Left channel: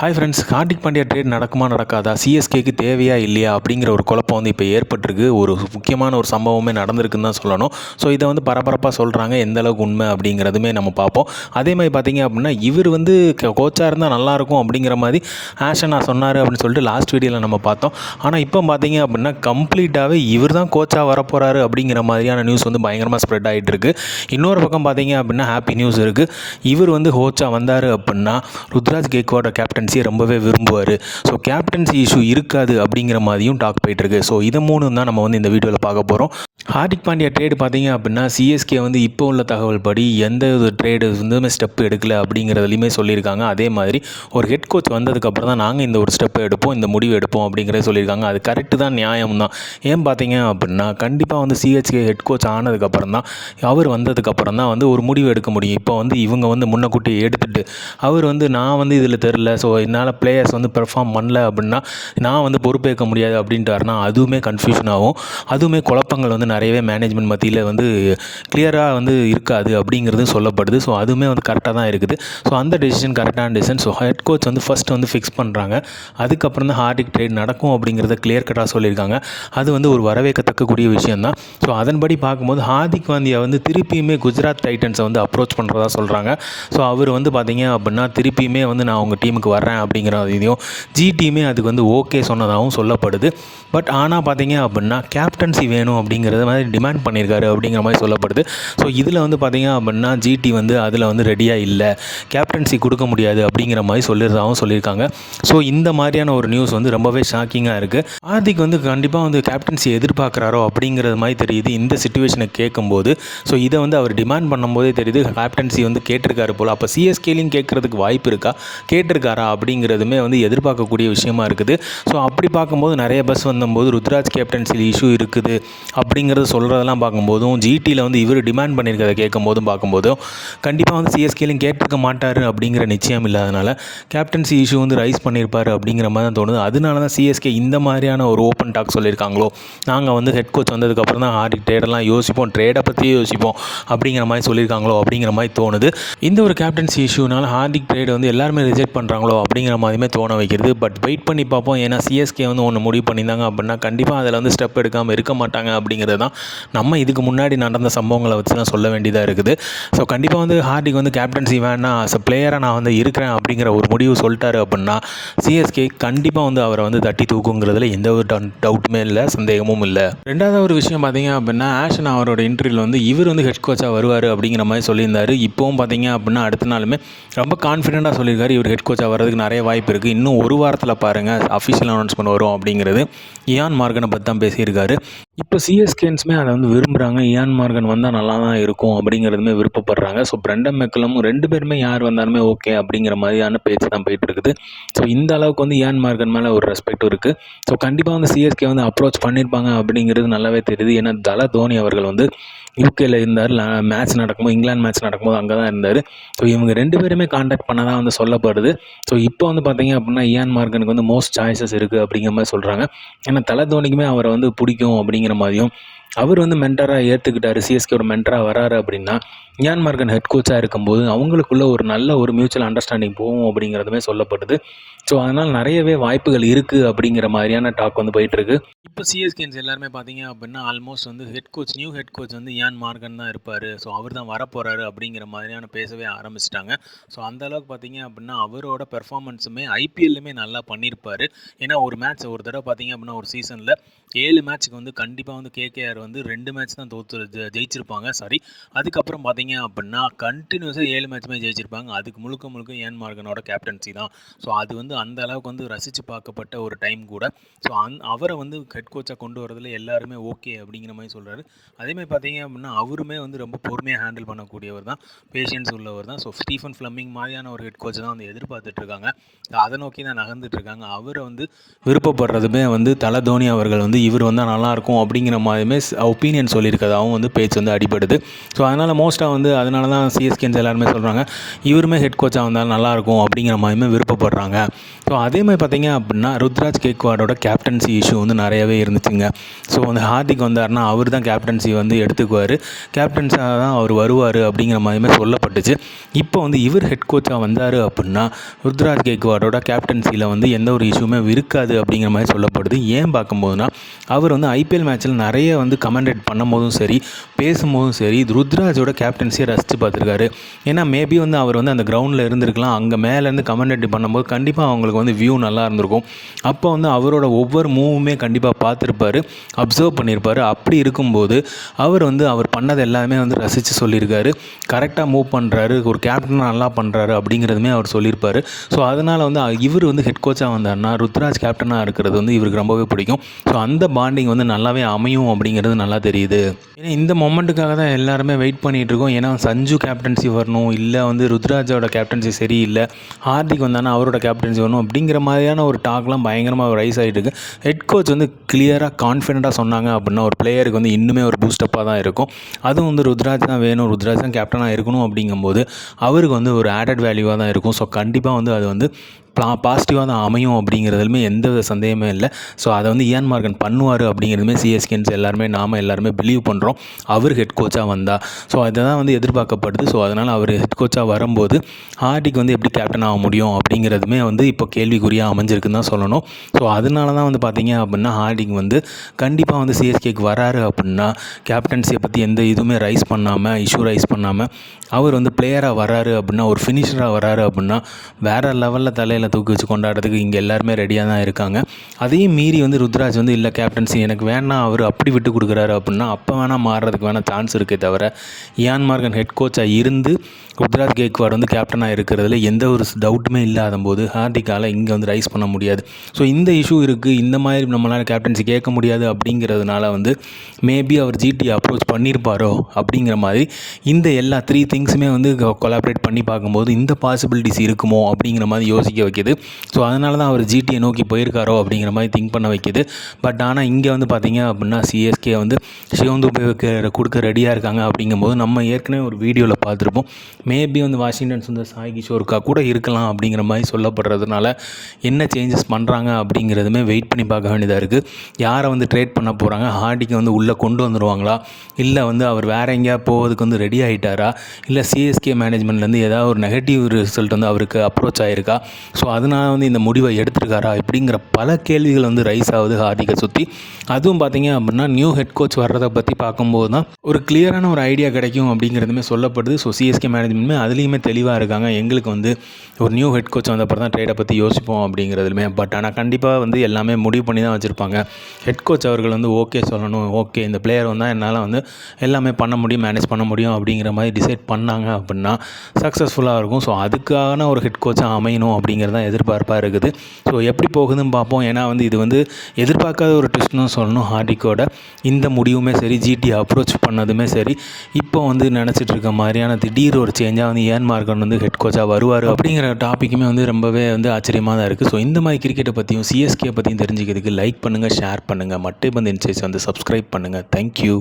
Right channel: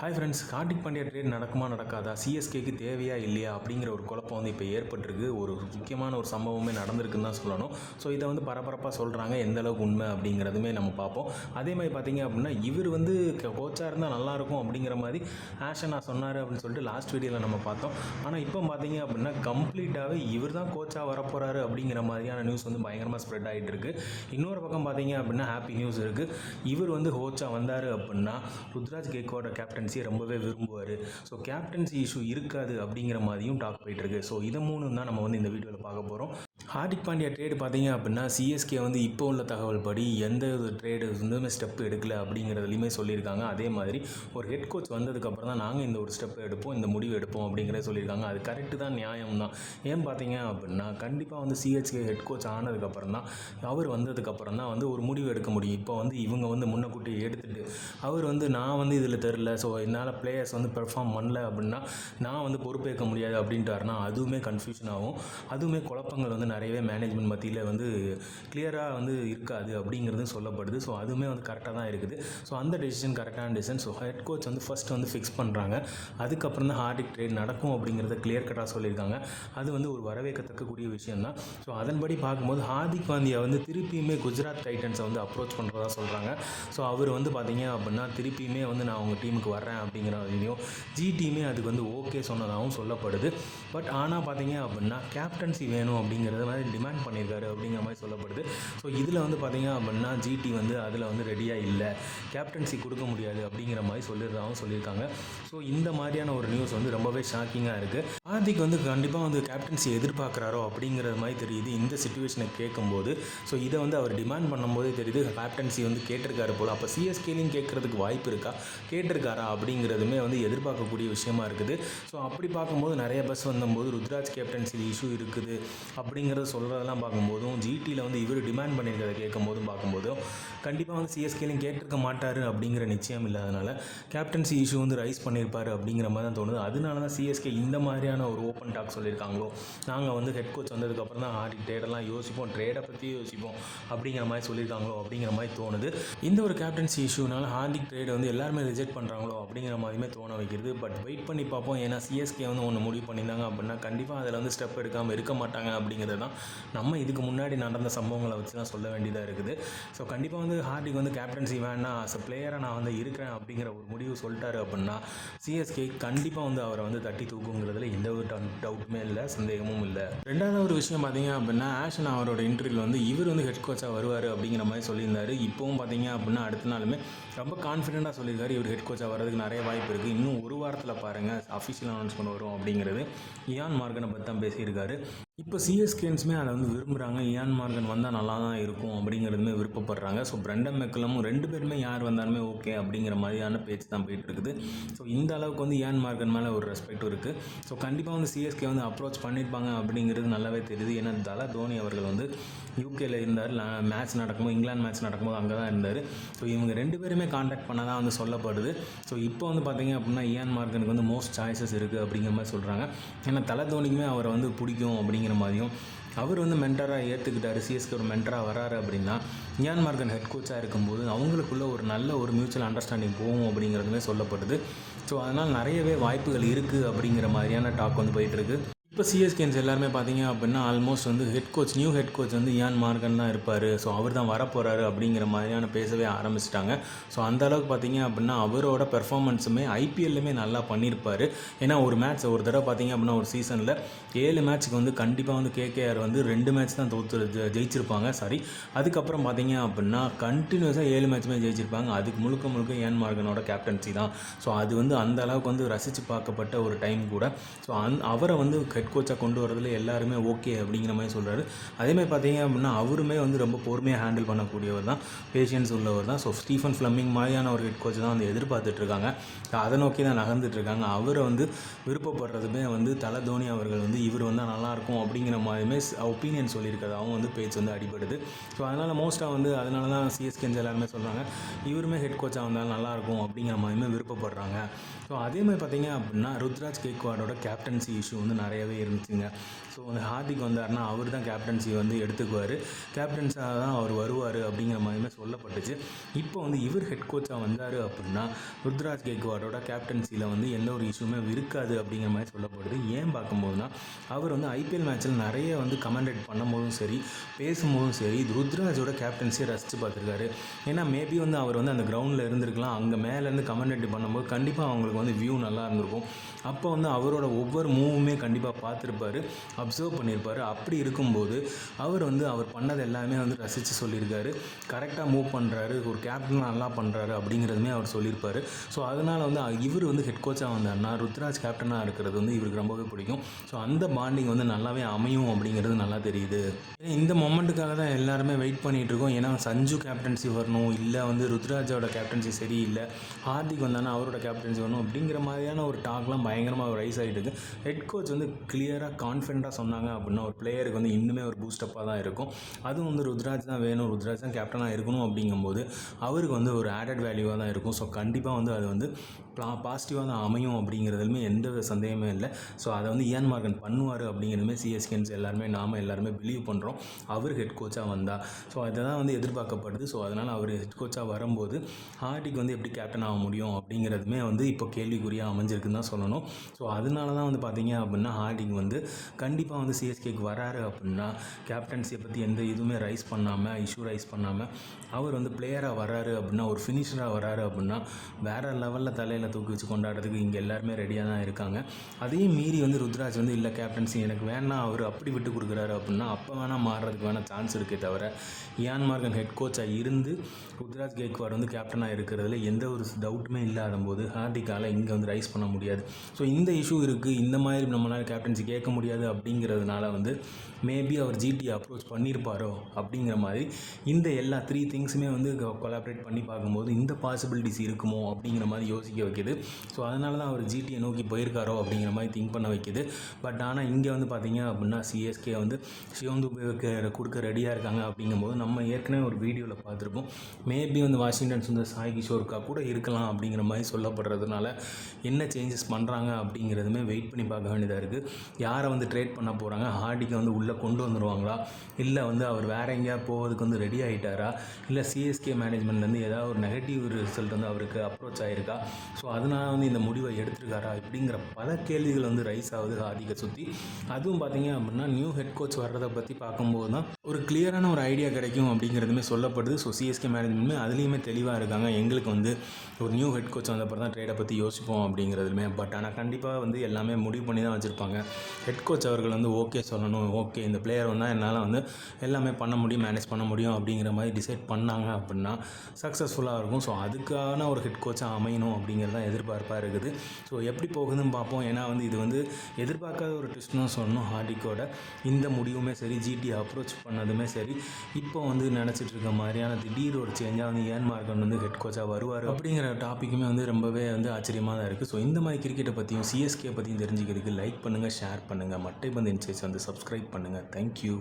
Hi friends, Hardik Pandya trade நடக்குமா நடக்காதா, சிஎஸ்கேக்கு தேவையா இல்லையா அப்படிங்கிற ஒரு குழப்பம் வந்து இப்போ ஏற்பட்டிருக்கு. ஒரு முக்கியமான ஒரு சம்பவமே நடந்திருக்குன்னு தான் சொல்லணும். ஸோ இதை வந்து பரபரப்பாக சொல்கிறாங்க, எந்த அளவுக்கு உண்மை அப்படிங்கிறதுமே நம்ம பார்ப்போம். அதே மாதிரி பார்த்தீங்க அப்படின்னா, இவர் வந்து கோச்சாக இருந்தால் நல்லாயிருக்கும் அப்படிங்கிற மாதிரி ஆஷனா சொன்னார் அப்படின்னு சொல்லிட்டு லாஸ்ட் வீடியோவில் நம்ம பார்த்தோம். ஆனால் இப்போ பார்த்தீங்க அப்படின்னா கம்ப்ளீட்டாகவே இவர் தான் கோச்சாக வரப்போகிறாரு அப்படிங்கிற மாதிரியான நியூஸ் வந்து பயங்கரமாக ஸ்ப்ரெட் ஆகிட்டு இருக்குது. இன்னொரு பக்கம் பார்த்தீங்க அப்படின்னா ஹாப்பி நியூஸ் இருக்குது. இவர் வந்து கோச்சாக வந்தார் அப்படின்னா ருத்ராஜ் கேக்வாடோட கேப்டன்சியை ரொம்பவே விரும்புவார். ஸோ கேப்டன்சி இஷ்யூ இருக்காது அப்படிங்கிற மாதிரியும் டாக் போயிட்டுருக்கு. ஸோ இதை மூணு தான் நம்ம வந்து இந்த வீடியோவில் பார்க்க போகிறோம். ஹார்திக் பாண்டியா ட்ரேடு பார்த்தீங்க அப்படின்னா சிஎஸ்கே வந்து இப்போ உள்ள தகவல் படி எந்த ஒரு ட்ரேடு வந்து ஸ்டெப் எடுக்கல அப்படிங்கிறதுலையுமே சொல்லியிருக்காங்க. அதே மாதிரி ஒரு ஹெட் கோச் வந்ததுக்கப்புறம் தான் நாங்கள் இந்த ஒரு ஸ்டெப்பை எடுப்போம், இந்த முடிவு எடுப்போம் அப்படிங்கிறத சொல்லியிருக்காங்க. அது கரெக்டு தான், நியாயம் தான். ஏன் பார்த்தீங்க அப்படின்னா கண்டிப்பாக வந்து சிஎஸ்கே ஹெட் கோச் ஆனதுக்கப்புறம் தான், அவர் வந்ததுக்கப்புறம் தான் வந்து ஒரு முடிவு எடுக்க முடியும். இப்போ வந்து இவங்க வந்து முன்னக்கூட்டி எடுத்துகிட்டு அவர் வந்து நான் வந்து இதில் தெரில, ஸோ என்னால் பிளேயர்ஸ் வந்து பெர்ஃபார்ம் பண்ணல அப்படின்னா நான் வந்து பொறுப்பேற்க முடியாது அப்படின்ட்டாருனா அதுவுமே கன்ஃபியூஷன் ஆகும். அதுவுமே குழப்பங்கள் வந்து நிறையவே மேனேஜ்மெண்ட் மத்தியில் வந்து கிளியராக வந்து இருக்காது அப்படிங்கிறது சொல்லப்படுது. ஸோ அதுவுமே வந்து கரெக்டாக தான் இருக்குது. ஸோ அந்த டெசிஷன் கரெக்டான டெசிஷன். ஸோ ஹெட் கோச் வந்து ஃபஸ்ட்டு வந்து ஃபிக்ஸ் பண்ணுறாங்க. அதுக்கப்புறம் தான் ஹார்திக் ட்ரேட் நடக்கும் அப்படிங்கிறத கிளியர் கட்டாக சொல்லியிருக்காங்க. அது வந்து ஒரு வரவேற்கத்தக்கக்கூடிய விஷயம் தான். ஸோ அதன்படி பார்க்கும்போது ஹார்திக் பாண்டியா வந்து திருப்பியுமே குஜராத் டைட்டன்ஸை வந்து அப்ரோச் பண்ணுறதா சொல்கிறாங்க. ஸோ அவர் வந்து பார்த்தீங்க அப்படின்னா திருப்பியுமே வந்து நான் உங்கள் டீமுக்கு வர்றேன் அப்படிங்கிற இதையும் ஜிடியுமே அதுக்கு வந்து ஓகே சொன்னதாகவும் சொல்லப்படுது. பட் ஆனால் பார்த்தீங்க அப்படின்னா கேப்டன்சி வேணும் அப்படிங்கிறத மாதிரி டிமாண்ட் பண்ணியிருக்காரு அப்படிங்கிற மாதிரி சொல்லப்படுது. ஸோ இதில் வந்து பார்த்தீங்க அப்படின்னா ஜிடி வந்து அதில் வந்து ரெடியாக இல்லை, கேப்டன்சி கொடுக்க முடியாது அப்படிங்கிற மாதிரி சொல்லியிருந்தாகவும் சொல்லியிருக்காங்க. ஸோ இந்த மாதிரியான ஒரு நியூஸ் வந்து ரொம்பவே ஷாக்கிங்காக இருக்குது. ஹார்திக் வந்து கண்டிப்பாக வந்து கேப்டன்சி எதிர்பார்க்குறாரோ அப்படிங்கிறது மாதிரி தெரியுது இந்த சிச்சுவேஷனை கேட்கும்போது. ஸோ இதை வந்து அவர் டிமாண்ட் பண்ணும்போதே தெரியுது கேப்டன்சி வந்து கேட்டிருக்காரு போல். அப்போ சிஎஸ்கேலையும் கேட்குறதுக்கு வாய்ப்பு இருக்கா, கேட்டிருக்காரா அப்படிங்கிறதுமே வந்து எதிர்பார்க்கக்கூடிய விஷயமா இருக்குது. ஸோ அப்படி பார்க்கும்போது நிறைய பஸ் வந்தபோது ருத்ராஜ் கேப்டன்சியில் இஷ்யூ இருக்குது அப்படிங்கிறத சொல்கிறதெல்லாம் பார்க்கும்போதும், ஜிடியில் வந்து இவர் டிமாண்ட் பண்ணியிருக்கிறத கேட்கும்போதும் பார்க்கும்போதும் கண்டிப்பாக வந்து சிஎஸ்கேலையும் கேட்டிருக்க மாட்டார் அப்படிங்கிற நிச்சயம் இல்லாதனால கேப்டன்சி இஷ்யூ வந்து ரைஸ் பண்ணியிருப்பார் அப்படிங்கிற மாதிரி தான் தோணுது. அதனால தான் சிஎஸ்கே இந்த மாதிரியான ஒரு ஓப்பன் டாக் சொல்லியிருக்காங்களோ, நாங்கள் வந்து ஹெட் கோச் வந்ததுக்கப்புறம் தான் ஹார்திக் ட்ரேடெல்லாம் யோசிப்போம், ட்ரேடை பற்றியே யோசிப்போம் அப்படிங்கிற மாதிரி சொல்லியிருக்காங்களோ அப்படிங்கிற மாதிரி தோணுது. இந்த ஒரு கேப்டன்சி இஷ்யூனால ஹார்திக் ட்ரேட் வந்து எல்லாருமே ரிஜெக்ட் பண்ணுறாங்களோ அப்படிங்கிற மாதிரியுமே தோண வைக்கிறது. பட் வெயிட் பண்ணி பார்ப்போம். ஏன்னா சிஎஸ்கே வந்து ஒன்று முடிவு பண்ணியிருந்தாங்க அப்படின்னா கண்டிப்பாக அதில் வந்து ஸ்டெப் எடுக்காமல் இருக்க மாட்டாங்க அப்படிங்கிறது தான் நம்ம இதுக்கு முன்னாடி நடந்த சம்பவங்களை வச்சு தான் சொல்ல வேண்டியதாக இருக்குது. ஸோ கண்டிப்பாக வந்து ஹார்திக் வந்து கேப்டன்சி வேணாம், அஸ் அ பிளேயராக நான் வந்து இருக்கிறேன் அப்படிங்கிற ஒரு முடிவு சொல்லிட்டாரு அப்படின்னா சிஎஸ்கே கண்டிப்பாக வந்து அவரை வந்து தட்டி தூக்குங்கிறதுல எந்த ஒரு டவுட்டுமே இல்லை, சந்தேகமும் இல்லை. ரெண்டாவது ஒரு விஷயம் பார்த்தீங்க அப்படின்னா ஆஷன் அவரோட இன்டர்வியூவில் வந்து இவர் வந்து ஹெட் கோச்சாக வருவார் அப்படிங்கிற மாதிரி சொல்லியிருந்தார். இப்போவும் பார்த்தீங்க அப்படின்னா அடுத்த நாளுமே ரொம்ப கான்ஃபிடென்ட்டாக சொல்லியிருக்காரு இவர் ஹெட் கோச்சாக வர்றதுக்கு நிறைய வாய்ப்பு இருக்குது. இன்னும் ஒரு வாரத்தில் பாருங்கள் அஃபிஷியல் அனௌன்ஸ்மெண்ட் வரும் அப்படிங்கிறது. இயான் மார்கனை பற்றி தான் பேசியிருக்காரு. இப்போ சிஎஸ்கேன்ஸுமே அதை வந்து விரும்புகிறாங்க. இயான் மார்கன் வந்தால் நல்லா தான் இருக்கும் அப்படிங்கிறதுமே விருப்பப்படுறாங்க. ஸோ பிரெண்டன் மெக்கலமும் ரெண்டு பேருமே யார் வந்தாலுமே ஓகே அப்படிங்கிற மாதிரியான பேச்சு தான் போயிட்டு இருக்குது. ஸோ இந்த அளவுக்கு வந்து இயான் மார்கன் மேலே ஒரு ரெஸ்பெக்ட் இருக்குது. ஸோ கண்டிப்பாக வந்து சிஎஸ்கே வந்து அப்ரோச் பண்ணியிருப்பாங்க அப்படிங்கிறது நல்லாவே தெரியுது. ஏன்னா தல தோனி அவர்கள் வந்து யூகேயில் இருந்தார். மேட்ச் நடக்கும்போது, இங்கிலாந்து மேட்ச் நடக்கும்போது அங்கே தான் இருந்தார். ஸோ இவங்க ரெண்டு பேருமே கான்டாக்ட் பண்ண தான் வந்து சொல்லப்படுது. ஸோ இப்போ வந்து பார்த்தீங்க அப்படின்னா இயான் மார்கனுக்கு வந்து மோஸ்ட் சாய்ஸஸ் இருக்குது அப்படிங்கிற மாதிரி சொல்கிறாங்க. ஏன்னா தல தோனிக்குமே அவரை வந்து பிடிக்கும் அப்படிங்கிற மாதிரியும், அவர் வந்து மென்டராக ஏற்றுக்கிட்டார், சிஎஸ்கேவோட மென்டராக வராரு அப்படின்னா இயான் மார்கன் ஹெட் கோச்சாக இருக்கும்போது அவங்களுக்குள்ள ஒரு நல்ல ஒரு மியூச்சுவல் அண்டர்ஸ்டாண்டிங் போகும் அப்படிங்கிறதுமே சொல்லப்படுது. ஸோ அதனால் நிறையவே வாய்ப்புகள் இருக்குது அப்படிங்கிற மாதிரியான டாக் வந்து போயிட்டுருக்கு. இப்போ சிஎஸ்கேன்ஸ் எல்லாருமே பார்த்தீங்க அப்படின்னா ஆல்மோஸ்ட் வந்து நியூ ஹெட் கோச் வந்து இயான் மார்கன் தான் இருப்பார், ஸோ அவர் தான் வரப்போகிறாரு அப்படிங்கிற மாதிரியான பேசவே ஆரம்பிச்சிட்டாங்க. ஸோ அந்த அளவுக்கு பார்த்தீங்க அப்படின்னா அவரோட பெர்ஃபார்மன்ஸுமே ஐபிஎல்லுமே நல்லா பண்ணியிருப்பார். ஏன்னா ஒரு தடவை பார்த்தீங்க அப்படின்னா ஒரு சீசனில் 7 மேட்ச்சுக்கு வந்து கண்டிப்பாக வந்து கேகேஆர் வந்து 2 மேட்ச் தான் ஜெயிச்சிருப்பாங்க. அதுக்கப்புறம் பார்த்தீங்க அப்படின்னா கண்டினியூஸாக 7 மேட்ச்சுமே ஜெயிச்சிருப்பாங்க. அதுக்கு முழுக்க இயான் மார்கனோட கேப்டன்சி தான். ஸோ அது வந்து அந்த அளவுக்கு வந்து ரசித்து பார்க்கப்பட்ட ஒரு டைம் கூட. ஸோ அவரை வந்து ஹெட் கோச்சாக கொண்டு வரதில் எல்லாருமே ஓகே அப்படிங்கிற மாதிரி சொல்கிறாரு. அதேமாதிரி பார்த்தீங்க அப்படின்னா அவருமே வந்து ரொம்ப பொறுமையாக ஹேண்டில் பண்ணக்கூடியவர் தான், பேஷன்ஸ் உள்ளவர் தான். ஸோ ஸ்டீஃபன் ஃப்ளமிங் மாதிரியான ஒரு ஹெட் கோச்சை தான் வந்து எதிர்பார்த்துட்ருக்காங்க. அதை நோக்கி தான் நகர்ந்துட்டுருக்காங்க. அவரை வந்து விருப்பப்படுறதுமே வந்து தல தோனி அவர்கள் வந்து இவர் வந்தால் நல்லாயிருக்கும் அப்படிங்கிற மாதிரியுமே ஒப்பீனியன் சொல்லியிருக்கிறதாகவும் வந்து பேச்சு வந்து அடிபடுது. ஸோ அதனால் மோஸ்ட்டாக வந்து அதனால தான் சிஎஸ்கேன்ஸ் எல்லாருமே சொல்கிறாங்க இவருமே ஹெட் கோச்சாக வந்தால் நல்லாயிருக்கும் அப்படிங்கிற மாதிரியுமே விருப்பப்படுறாங்க. ஸோ அதே மாதிரி பார்த்தீங்க அப்படின்னா ருத்ராஜ் கேக்வாடோட கேப்டன்சி இஷ்யூ வந்து நிறையவே இருந்துச்சுங்க. ஸோ வந்து ஹார்திக் வந்தார்னா அவர் தான் கேப்டன்சி வந்து எடுத்துக்குவார் சொல்லியிருப்பார், கேப்டன்ஸாக தான் அவர் வருவார் அப்படிங்கிற மாதிரியுமே சொல்லப்பட்டுச்சு. இப்போ வந்து இவர் ஹெட் கோச்சாக வந்தார் அப்படின்னா ருத்ராஜ் கேக்வாடோட கேப்டன்சியில் வந்து எந்த ஒரு இஷ்யூமே இருக்காது அப்படிங்கிற மாதிரி சொல்லப்படுது. ஏன் பார்க்கும்போதுனா அவர் வந்து ஐபிஎல் மேட்ச்சில் நிறைய வந்து கமெண்டேட் பண்ணும்போதும் சரி, பேசும்போதும் சரி, ருத்ராஜோட கேப்டன்சியை ரசித்து பார்த்துருக்காரு. ஏன்னா மேபி வந்து அவர் வந்து அந்த கிரவுண்டில் இருந்திருக்கலாம், அங்கே மேலேருந்து கமெண்டேட் பண்ணும்போது கண்டிப்பாக அவங்களுக்கு வந்து வியூ நல்லா இருந்திருக்கும். அப்போ வந்து அவரோட ஒவ்வொரு மூவுமே கண்டிப்பாக பார்த்துருப்பார், அப்சர்வ் பண்ணியிருப்பார். அப்படி இருக்கும்போது அவர் வந்து அவர் பண்ணது எல்லாமே வந்து ரசித்து சொல்லியிருக்காரு. கரெக்டாக மூவ் பண்ணுறாரு, ஒரு கேப்டனாக நல்லா பண்ணுறாரு அப்படிங்கிறதுமே அவர் சொல்லியிருப்பார். ஸோ அதனால் வந்து இவர் வந்து ஹெட் கோச்சாக வந்தார்னா ருத்ராஜ் கேப்டனாக இருக்கிறது வந்து இவருக்கு ரொம்பவே பிடிக்கும். ஸோ அந்த பாண்டிங் வந்து நல்லாவே அமையும் அப்படிங்கிறது நல்லா தெரியுது. ஏன்னா இந்த மொமெண்ட்டுக்காக தான் எல்லாருமே வெயிட் பண்ணிகிட்டு இருக்கோம். ஏன்னா சஞ்சு கேப்டன்சி வரணும், இல்லை வந்து ருத்ராஜோட கேப்டன்சி சரியில்லை, ஹார்திக் வந்தானா அவரோட கேப்டன்சி வரணும் அப்படிங்கிற மாதிரியான ஒரு டாக்லாம் பயங்கரமாக ரைஸ் ஆகிட்டு இருக்கு. ஹெட் கோச் வந்து கிளியராக கான்ஃபிடென்ட்டாக சொன்னாங்க அப்படின்னா ஒரு பிளேயருக்கு வந்து இன்னுமே ஒரு பூஸ்டப்பாக தான் இருக்கும். அதுவும் வந்து ருத்ராஜ் தான் வேணும், ருத்ராஜ் தான் கேப்டனாக இருக்கணும் அப்படிங்கும்போது அவருக்கு வந்து ஒரு ஆடட் வேல்யூவாக தான் இருக்கும். ஸோ கண்டிப்பாக வந்து அது வந்து பாசிட்டிவாக தான் அமையும் அப்படிங்கிறதுலுமே எந்த வித சந்தேகமே இல்லை. ஸோ அதை வந்து இயான் மார்கன் பண்ணுவார் அப்படிங்கிறதுமே சிஎஸ்கேன்ஸ் எல்லாருமே பிலீவ் பண்ணுறோம், அவர் ஹெட் கோச்சாக வந்தால். ஸோ அதை தான் வந்து எதிர்பார்க்கப்படுது. ஸோ அதனால் அவர் ஹெட் கோச்சாக வரும்போது ஹார்திக் வந்து எப்படி கேப்டன் ஆக முடியும் அப்படிங்கிறதுமே வந்து இப்போ கேள்விக்குறியாக அமைஞ்சிருக்குன்னு தான் சொல்லணும். ஸோ அதனால தான் வந்து பார்த்திங்க அப்படின்னா ஹார்திக் வந்து கண்டிப்பாக வந்து சிஎஸ்கேக்கு வராரு அப்படின்னா கேப்டன்சியை பற்றி எந்த இதுவுமே இஷ்யூ ரைஸ் பண்ணாமல் அவர் வந்து பிளேயராக வராரு அப்படின்னா, ஒரு ஃபினிஷராக வராரு அப்படின்னா வேறு லெவலில் தலையில் தூக்கி வச்சு கொண்டாடுறதுக்கு இங்கே எல்லாருமே ரெடியாக தான் இருக்காங்க. அதையும் மீறி வந்து ருத்ராஜ் வந்து இல்லை கேப்டன்சி எனக்கு வேணாம், அவர் அப்படி விட்டு கொடுக்குறாரு அப்படின்னா அப்போ வேணால் மாறுறதுக்கு வேணால் சான்ஸ் இருக்கே தவிர இயான் மார்கன் ஹெட் கோச்சாக இருந்து ருத்ராஜ் கேக்வாட் வந்து கேப்டனாக இருக்கிறதுல எந்த ஒரு டவுட்டுமே இல்லாத போது ஹார்திக்கால் இங்கே வந்து ரைஸ் பண்ண முடியாது. ஸோ இந்த இஷ்யூ இருக்குது, இந்த மாதிரி நம்மளால் கேப்டன்சி கேட்க முடியாது அப்படிங்கிறதுனால வந்து மேபி அவர் ஜிடி அப்ரோச் பண்ணியிருப்பாரோ அப்படிங்கிற மாதிரி இந்த எல்லா 3 திங்ஸுமே வந்து கொலாபரேட் பண்ணி பார்க்கும்போது இந்த பாசிபிலிட்டிஸ் இருக்குமோ அப்படிங்கிற மாதிரி யோசிக்க வைக்கிது. ஸோ அதனால தான் அவர் ஜிடியை நோக்கி போயிருக்காரோ அப்படிங்கிற மாதிரி திங்க் பண்ண வைக்கிது. பட் ஆனால் இங்கே வந்து பார்த்திங்க அப்படின்னா சிஎஸ்கே வந்து சிவம் துபேவுக்கு கொடுக்க ரெடியாக இருக்காங்க அப்படிங்கும்போது நம்ம ஏற்கனவே ஒரு வீடியோவில் பார்த்துருப்போம். மேபி வந்து வாஷிங்டன் சுந்தர், சாய் கிஷோருக்கா கூட இருக்கலாம் அப்படிங்கிற மாதிரி சொல்லப்படுறதுனால என்ன சேஞ்சஸ் பண்ணுறாங்க அப்படிங்கிறதுமே வெயிட் பண்ணி பார்க்க வேண்டியதாக இருக்குது. யாரை வந்து ட்ரேட் பண்ண போகிறாங்க, ஹார்டிக்கை வந்து உள்ளே கொண்டு வந்துடுவாங்களா, இல்லை வந்து அவர் வேறு எங்கேயா போகிறதுக்கு வந்து ரெடி ஆகிட்டாரா, இல்லை சிஎஸ்கே மேனேஜ்மெண்ட்லேருந்து ஏதாவது ஒரு நெகட்டிவ் ரிசல்ட் வந்து அவருக்கு அப்ரோச் ஆகிருக்கா, ஸோ அதனால் வந்து இந்த முடிவை எடுத்திருக்காரா இப்படிங்கிற பல கேள்விகள் வந்து ரைஸ் ஆகுது ஹார்திக்கை சுற்றி. அதுவும் பார்த்திங்க அப்படின்னா நியூ ஹெட் கோச் வர்றதை பற்றி பார்க்கும்போது தான் ஒரு கிளியரான ஒரு ஐடியா கிடைக்கும் அப்படிங்கிறதுமே சொல்லப்படுது. ஸோ சிஎஸ்கே மேனேஜ்மெண்ட்டுமே அதுலேயுமே தெளிவாக இருக்காங்க, எங்களுக்கு வந்து ஒரு நியூ ஹெட் கோச் வந்த அப்புறம் தான் ட்ரேடை பற்றி யோசிப்போம் அப்படிங்கிறதுலுமே. பட் ஆனால் கண்டிப்பாக வந்து எல்லாமே முடிவு பண்ணி தான் வச்சுருப்பாங்க. ஹெட் கோச் அவர்கள் வந்து ஓகே சொல்லணும், ஓகே இந்த பிளேயர் வந்தால் என்னால் வந்து எல்லாமே பண்ண முடியும், மேனேஜ் பண்ண முடியும் அப்படிங்கிற மாதிரி டிசைட் பண்ணாங்க அப்படின்னா சக்ஸஸ்ஃபுல்லாக இருக்கும். ஸோ அதுக்கான ஒரு ஹெட் கோச்சாக அமையணும் அப்படிங்கிறது தான் எதிர்பார்ப்பாக இருக்குது. ஸோ எப்படி போகுதுன்னு பார்ப்போம். ஏன்னா வந்து இது வந்து எதிர்பார்க்காத ஒரு ட்விஸ்ட்னு சொல்லணும். ஹார்திக்கோட இந்த முடிவுமே சரி, ஜிடி அப்ரோச் பண்ணதுமே சரி, இப்போ வந்து நினச்சிட்டு இருக்க மாதிரியான திடீர் ஒரு சேஞ்சாக வந்து இயான் மார்கன் வந்து ஹெட் கோச்சாக வருவார் அப்படிங்கிற டாப்பிக்குமே வந்து ரொம்பவே வந்து ஆச்சரியமாக தான் இருக்குது. ஸோ இந்த மாதிரி கிரிக்கெட்டை பற்றியும் சிஎஸ்கே பற்றியும் தெரிஞ்சுக்கிறதுக்கு லைக் பண்ணுங்கள், ஷேர் பண்ணுங்கள், மட்டை பந்து இன்சைட்ஸ் வந்து சப்ஸ்கிரைப் பண்ணுங்கள். தேங்க்யூ.